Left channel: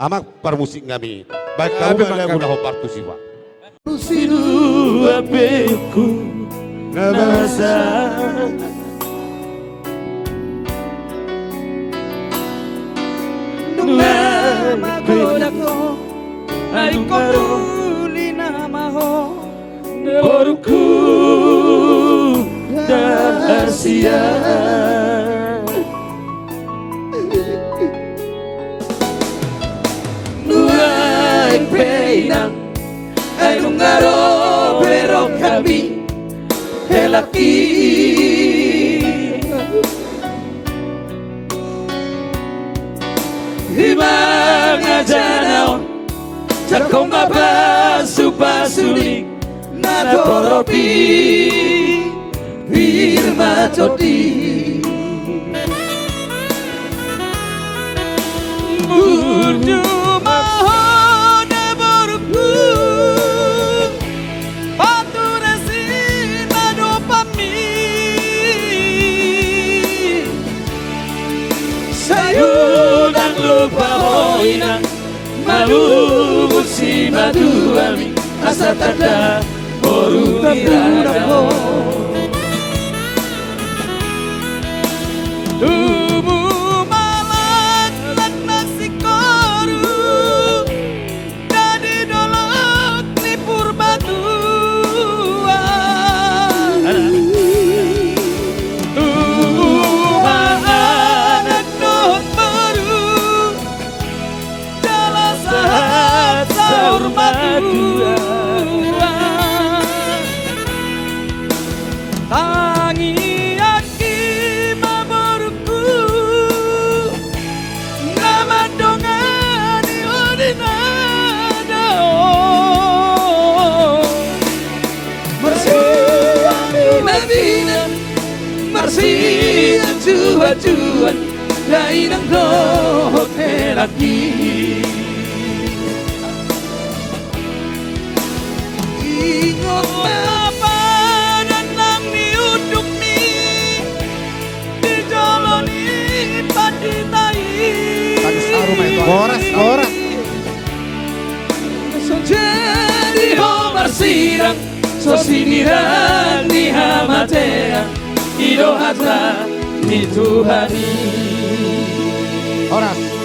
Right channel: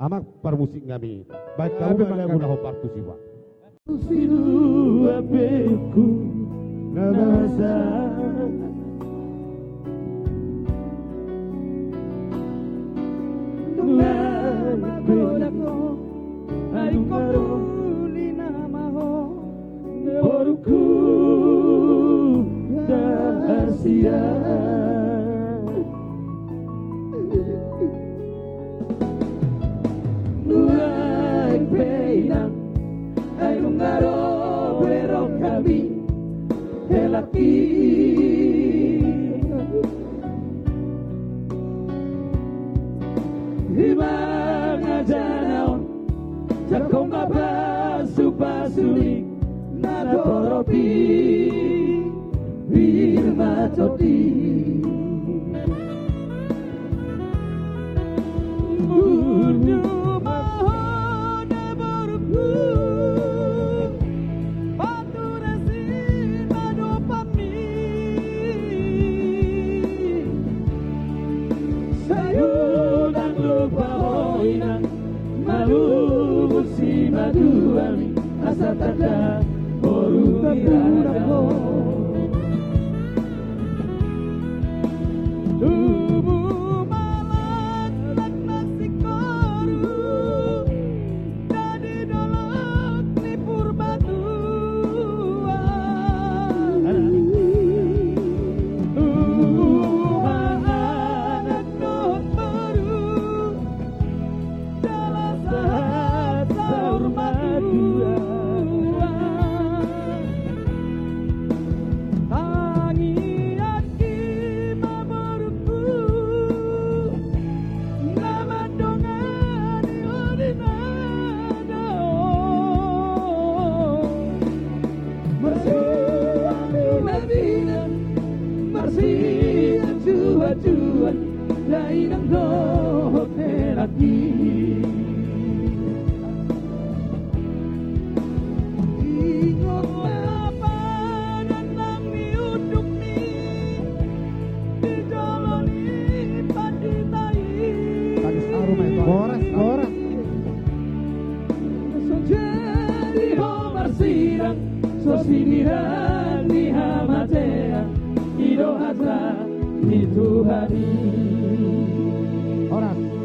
Amak permusik kami. Baik kau nggak mudah partu sih pak. Siru apeku nabasa Nungan kodako ay koduli namaho Boruku dahasia Nuay peinang ay lungaro pero kami helaki Ibang ajanaon Takong mapasupasulik na poropi Pirma todi Burdu mahon na boruku Paturasin na dopami Sa'yo nang lupa mo inang Malubog si maduami Asa tanda Borumira mo Tubuh malat Laknak si koru Jadi dolok ni purbatuan Tubuh malat Nuhut baru Dalam saat sahur madura Tangi aki maboruku Nama dongani odinadao Mersiang nabinan Mersiang juan-juan Lainang dohot helaki Ingat apa dan nang niuduk ni Dijoloni paditai Koras. So jadi homar sirang So sinirang ni hamatea Idohata ni Tuhani Koras.